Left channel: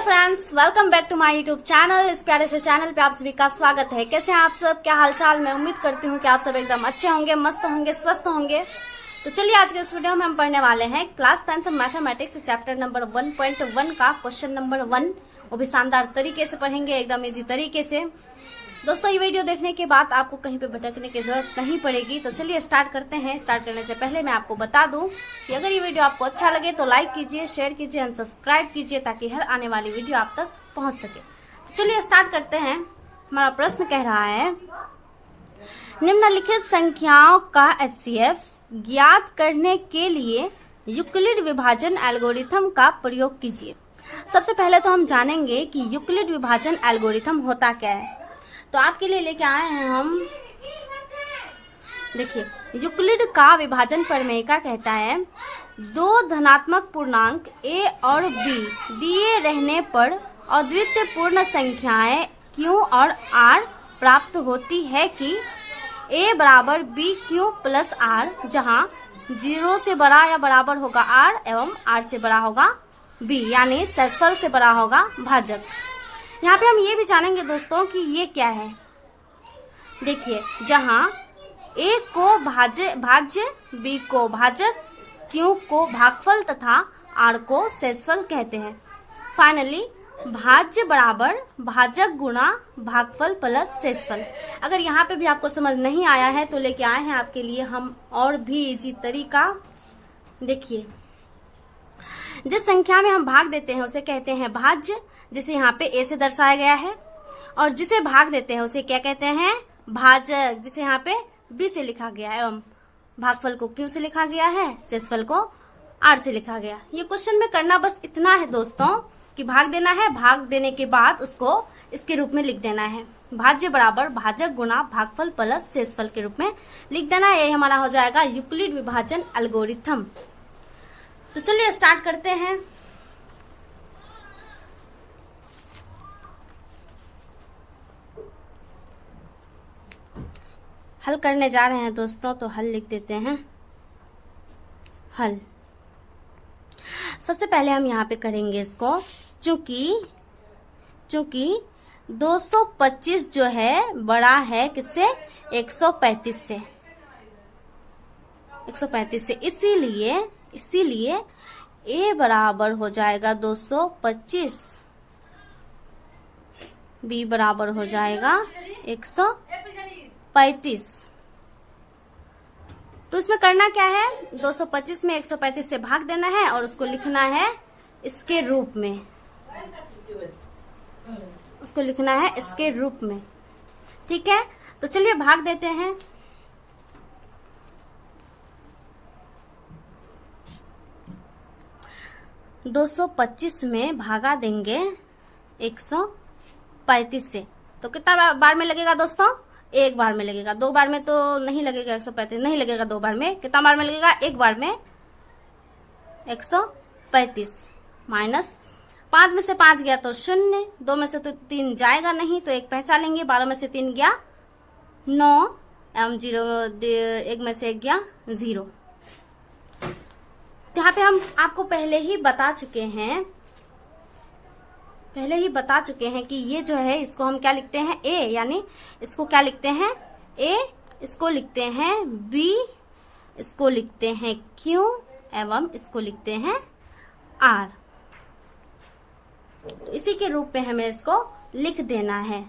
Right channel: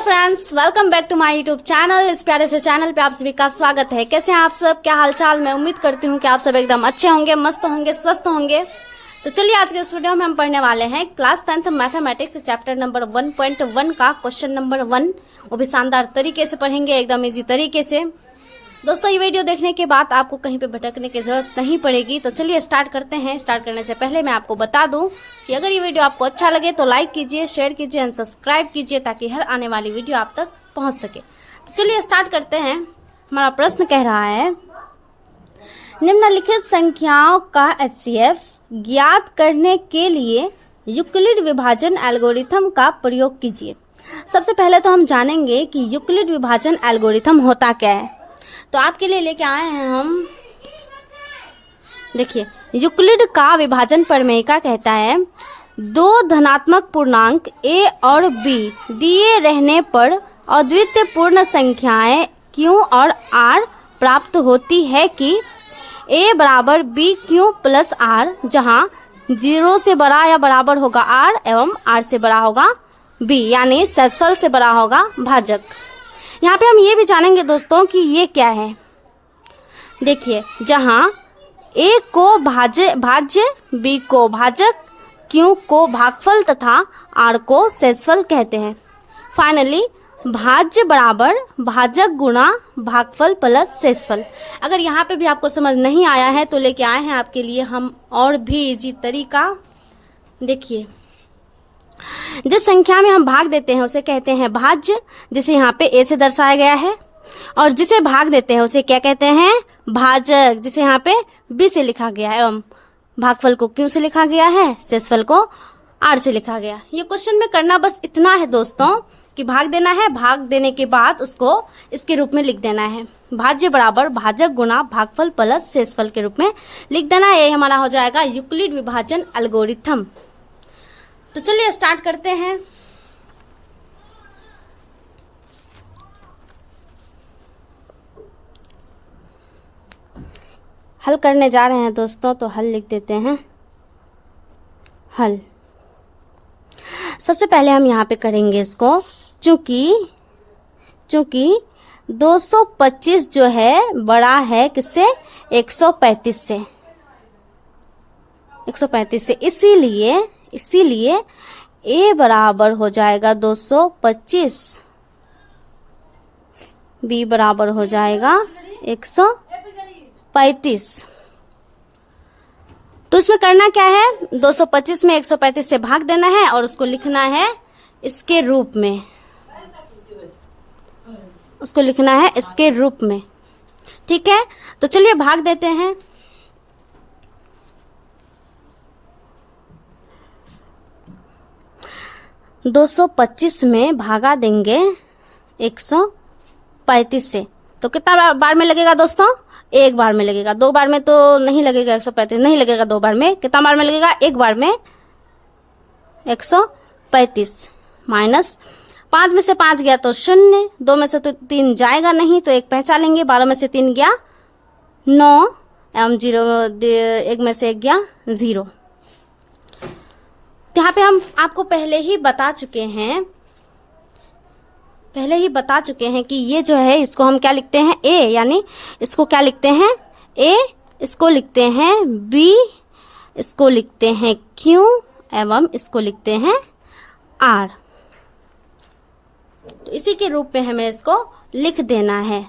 Friends, welcome back to my YouTube channel. इस प्यारे से चैनल पे आप सभी का स्वागत है। कैसे हैं आप सब, क्या हालचाल। मैं उम्मीद करती हूँ कि आप सब एकदम अच्छे होंगे, मस्त होंगे, स्वस्थ होंगे। तो चलिए आज के इस वीडियो में हम पढ़ने वाले हैं class 10th mathematics chapter number 1.1 का क्वेश्चन नंबर 1। वो भी शानदार तरीके से पढ़ेंगे, एकदम इजी तरीके से। दोस्तों, ये वीडियो देखने के बाद आपको कहीं पे भटकने की जरूरत नहीं पड़ेगी। तो चलिए स्टार्ट करते हैं। स्टार्ट करने से पहले मैं आपको बता दूं कि अगर ये वीडियो आपको अच्छा लगे तो लाइक कीजिए, शेयर कीजिए एंड सब्सक्राइब कीजिए, ताकि हर आने वाली वीडियो आप तक पहुंच सके। तो चलिए स्टार्ट करते हैं। हमारा प्रश्न कह रहा है, निम्नलिखित संख्याओं का HCF ज्ञात करने के लिए यूक्लिड विभाजन एल्गोरिथम का प्रयोग कीजिए। सबसे पहले तो हम जानेंगे कि यूक्लिड विभाजन एल्गोरिथम होता क्या है। तो आपके लिए लेके आए हैं हम, देखिए, यूक्लिड का विभाजन प्रमेय कहता है दो धनात्मक पूर्णांक a और b दिए रहने पर अद्वितीय पूर्ण संख्याएं q और r प्राप्त होती है कि a बराबर b q प्लस r, जहां 0 से बड़ा या बराबर होगा r एवं r से बड़ा होगा b, यानी शेषफल से बड़ा होगा भाजक। यहाँ पे हम ये भी जानेंगे दोस्तों कि ये क्या है। देखिए, जहाँ a को भाज्य, b को भाजक, q को भागफल तथा r को शेषफल कहते हैं। फाइनली भाज्य बराबर भाजक गुणा भागफल प्लस शेषफल। अगर यहाँ पे भी आपको समझ नहीं आया है तो लेके आए हैं आपके लिए हम और भी इजी तरीका। देखिए, जिस संख्या में हम भाग देते हैं उसे कहते हैं भाज्य, जिसे यहाँ पे a से दर्शाया गया है, और जिसे भाग देते हैं उसे क्या कहते हैं, भाजक, जिसे यहाँ पे b से लिखा गया है, एवं भागफल को q से लिखा गया है, शेषफल को r से लिखा गया। ये क्वेश्चन में करना बस इतना है दोस्तों कि भाग देना है, भाग देने के बाद उसको इसके रूप में लिख देना है, भाज्य बराबर भाजक गुणा भागफल प्लस शेषफल के रूप में लिख देना है। ये हमारा हो जाएगा यूक्लिड विभाजन एल्गोरिथम। तो चलिए स्टार्ट करते हैं। हल करने जा रहे हैं दोस्तों, तो हल लिख देते हैं। हल सबसे पहले हम यहाँ पे करेंगे इसको, चूंकि 225 जो है बड़ा है किससे, 135 से, 135 से, इसीलिए a बराबर हो जाएगा 225, b बराबर हो जाएगा 135। तो इसमें करना क्या है, 225 में 135 से भाग देना है और उसको लिखना है इसके रूप में, उसको लिखना है इसके रूप में। ठीक है, तो चलिए भाग देते हैं। तो 225 में भागा देंगे 135 से, तो कितना बार में लगेगा दोस्तों, एक बार में लगेगा। दो बार में तो नहीं लगेगा, 135 नहीं लगेगा दो बार में। कितना बार में लगेगा, एक बार में 135। माइनस 5 में से 5 गया तो 0, 2 में से तो 3 जाएगा नहीं तो 1 पहचान लेंगे, 12 में से 3 गया 9 एवं 0, 1 में से 1 गया 0। यहाँ पे हम आपको पहले ही बता चुके हैं कि ये जो है इसको हम क्या लिखते हैं, a, यानी इसको क्या लिखते हैं, a, इसको लिखते हैं b, इसको लिखते हैं q एवं इसको लिखते हैं r। तो इसी के रूप में हमें इसको लिख देना है।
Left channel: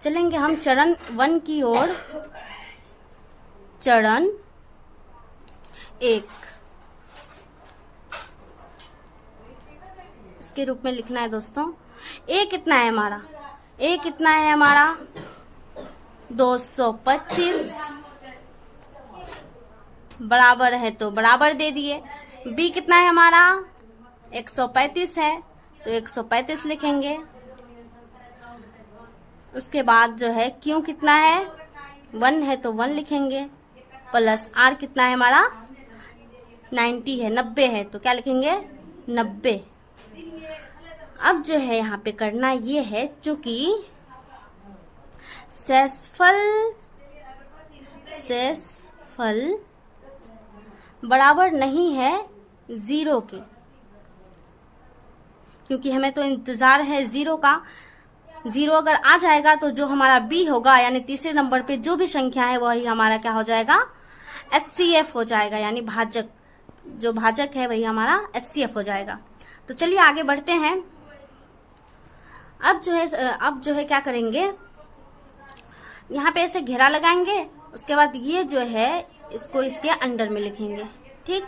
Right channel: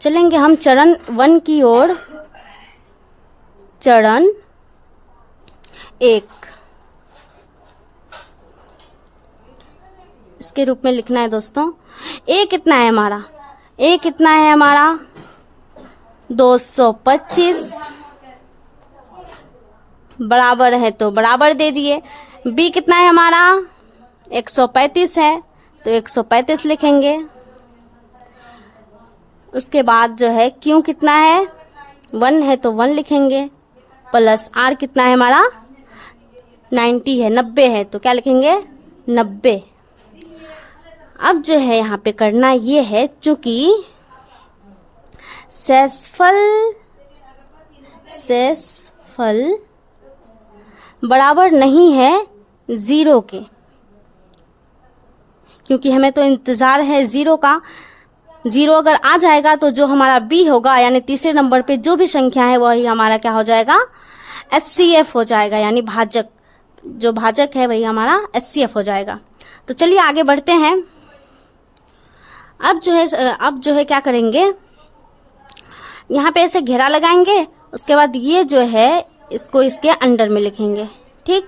चलेंगे हम चरण 1 की ओर। चरण 1 इसके रूप में लिखना है दोस्तों। a कितना है हमारा, a कितना है हमारा 225, बराबर है तो बराबर दे दिए। b कितना है हमारा 135 है तो 135 लिखेंगे। उसके बाद जो है q कितना है 1 है तो 1 लिखेंगे, प्लस r कितना है हमारा 90 है, 90 है तो क्या लिखेंगे 90। अब जो है यहाँ पे करना ये है, चूंकि शेषफल बराबर नहीं है 0 के, क्योंकि हमें तो इंतज़ार है ज़ीरो का। ज़ीरो अगर आ जाएगा तो जो हमारा बी होगा, यानी तीसरे नंबर पे जो भी संख्या है वही हमारा क्या हो जाएगा, HCF हो जाएगा, यानी भाजक। जो भाजक है वही हमारा HCF हो जाएगा। तो चलिए आगे बढ़ते हैं। अब जो है क्या करेंगे, यहाँ पे ऐसे घेरा लगाएंगे, उसके बाद ये जो है इसको इसके अंडर में लिखेंगे। ठीक,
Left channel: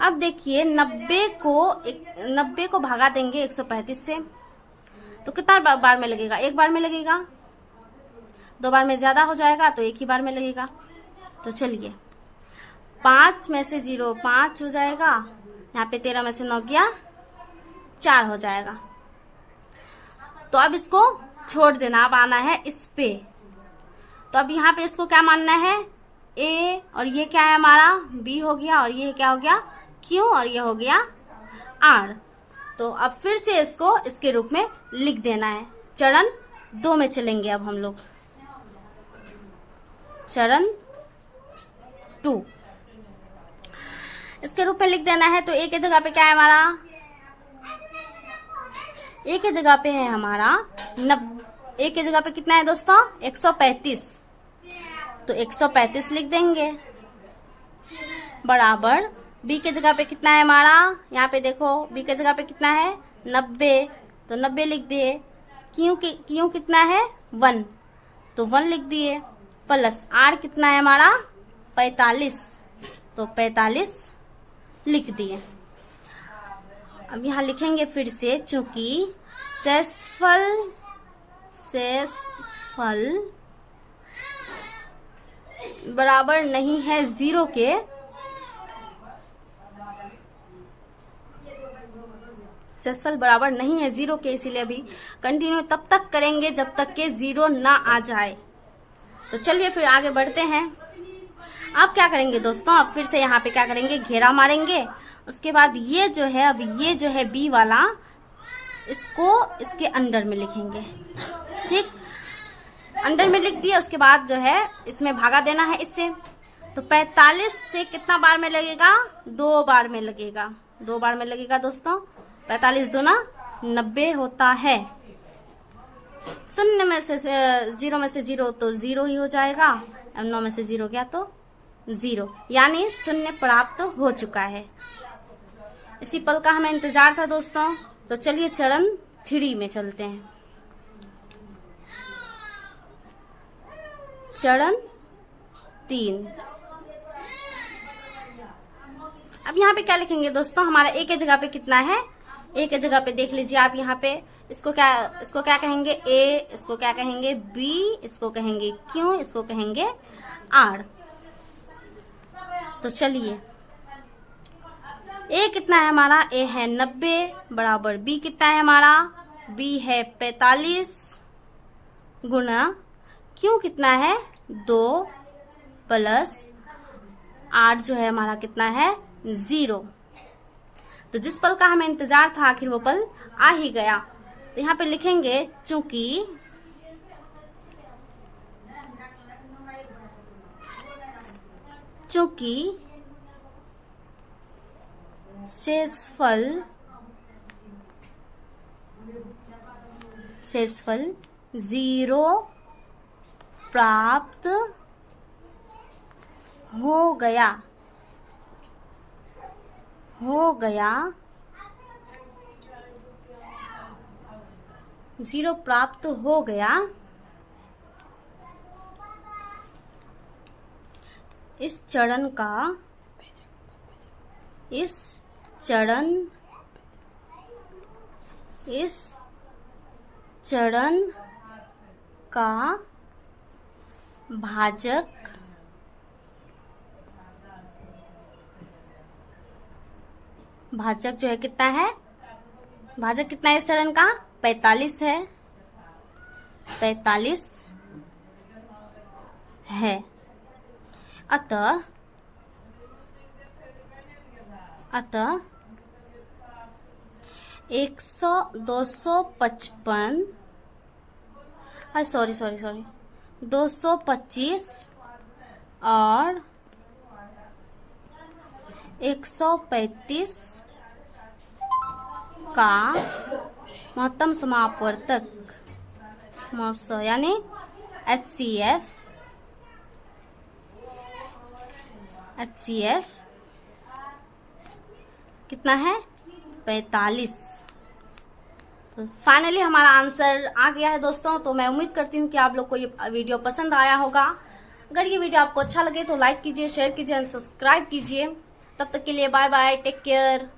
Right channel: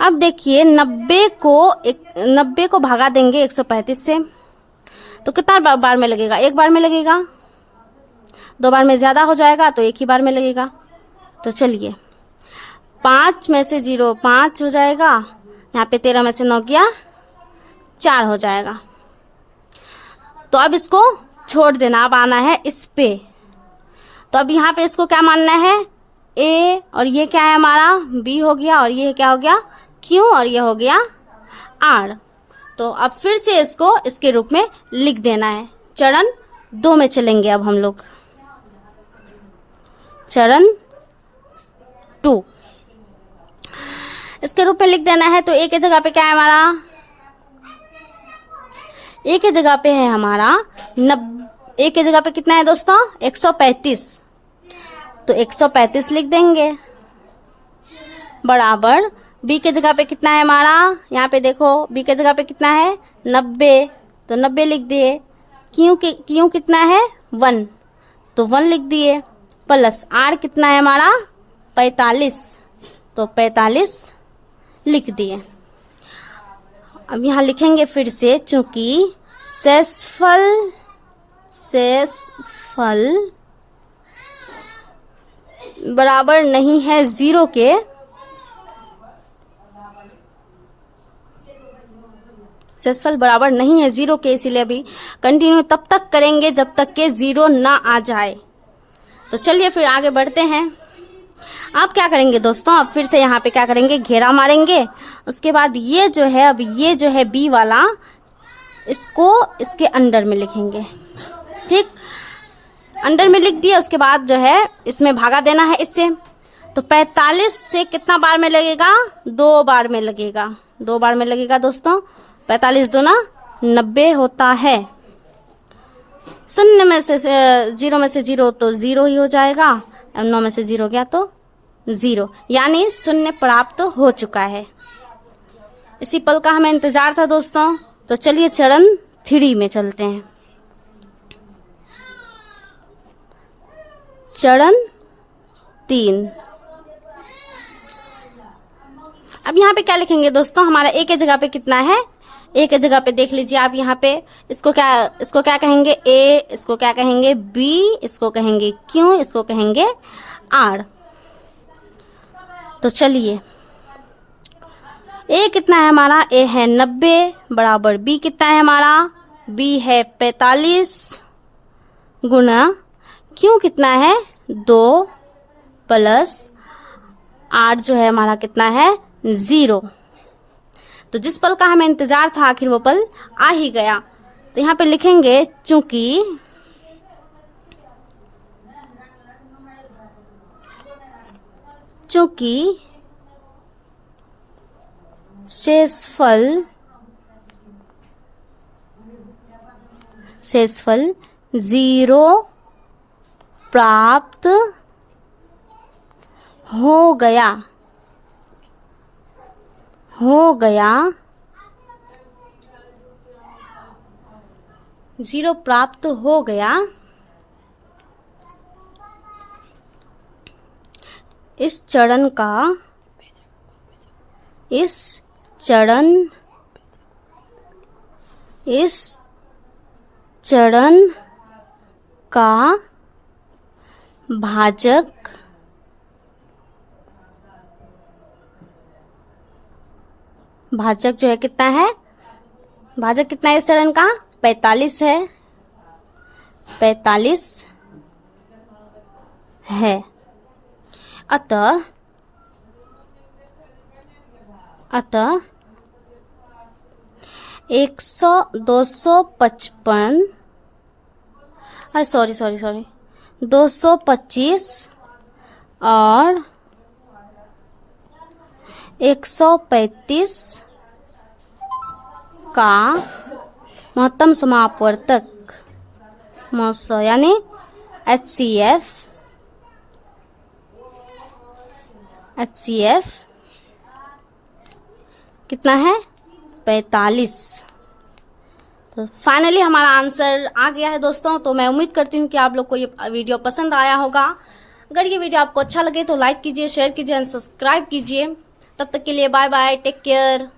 अब देखिए 90 को भगा देंगे 135 से, तो कितना बार में लगेगा, एक बार में लगेगा। 2 बार में ज़्यादा हो जाएगा तो एक ही बार में लगेगा। तो चलिए 5 में से 0 5 हो जाएगा, यहाँ पे 13 में से 9 गया 4 हो जाएगा। तो अब इसको छोड़ देना, अब आना है इस पे। तो अब यहाँ पे इसको क्या मानना है, A, और ये क्या है हमारा B हो गया, और ये क्या हो गया Q, और ये हो गया R। तो अब फिर से इसको इसके रूप में लिख देना है। चरण 2 में चलेंगे अब हम लोग, चरण 2 इसके रूप में लिख देना है। तो A की जगह पे क्या है हमारा, A की जगह पे है हमारा A की जगह पे कितना है दोस्तों, 135। तो 135 लिख देंगे, बराबर B के जगह पे कितना है हमारा, यहाँ पे देखो B के जगह पे कितना है 90, तो 90 लिख दिए। क्यों कितना है 1, तो 1 लिख दिए, प्लस R कितना है हमारा 45, तो 45 लिख दिए। अब यहाँ लिखेंगे फिर से, चूंकि शेषफल बराबर नहीं है 0 के, शेषफल बराबर नहीं है 0 के, इसीलिए अभी कंटिन्यू तब तक करेंगे जब तक के 0 ना आ जाए। तो चलिए फिर आगे बढ़ते हैं। आप क्या करेंगे दोस्तों, अब फिर से यहाँ पे क्या करेंगे, घेरा मारेंगे। उसके बाद ये जो है, अब ये जो है B वाला, इसको इसके अंडर में लिखेंगे। ठीक, अंडर में लिख दिया। उसके बाद जो है इसमें भागा देना है इससे। तो 45 से कितना बार में लगेगा, 2 बार में लगेगा, 2 बार में लगेगा दोस्तों। 45 दूना 90 होता है। 0 में से 0 तो 0 ही हो जाएगा, 9 में से 0 गया तो 0, यानी 0 प्राप्त हो चुका है। इसी पल का हमें इंतजार था दोस्तों। तो चलिए चरण 3 में चलते हैं। चरण 3, अब यहाँ पे क्या लिखेंगे दोस्तों, हमारा A के जगह पे कितना है, A के जगह पे देख लीजिए आप, यहाँ पे इसको क्या कहेंगे A, इसको क्या कहेंगे B, इसको कहेंगे Q, इसको कहेंगे R। तो चलिए A कितना है हमारा, A है 90, बराबर B कितना है हमारा, B है 45, गुना Q कितना है 2, प्लस R जो है हमारा कितना है 0। तो जिस पल का हमें इंतजार था आखिर वो पल आ ही गया। तो यहाँ पे लिखेंगे, चूंकि शेषफल 0 प्राप्त हो गया 0 प्राप्त हो गया। इस चरण का भाजक जो है कितना है, भाजक कितना है इस चरण का, 45 है, 45 है। अतः 225 और 135 का महत्तम समापवर्तक मस यानी HCF कितना है 45। तो फाइनली हमारा आंसर आ गया है दोस्तों। तो मैं उम्मीद करती हूँ कि आप लोग को ये वीडियो पसंद आया होगा। अगर ये वीडियो आपको अच्छा लगे तो लाइक कीजिए, शेयर कीजिए एंड सब्सक्राइब कीजिए। तब तक के लिए बाय बाय, टेक केयर।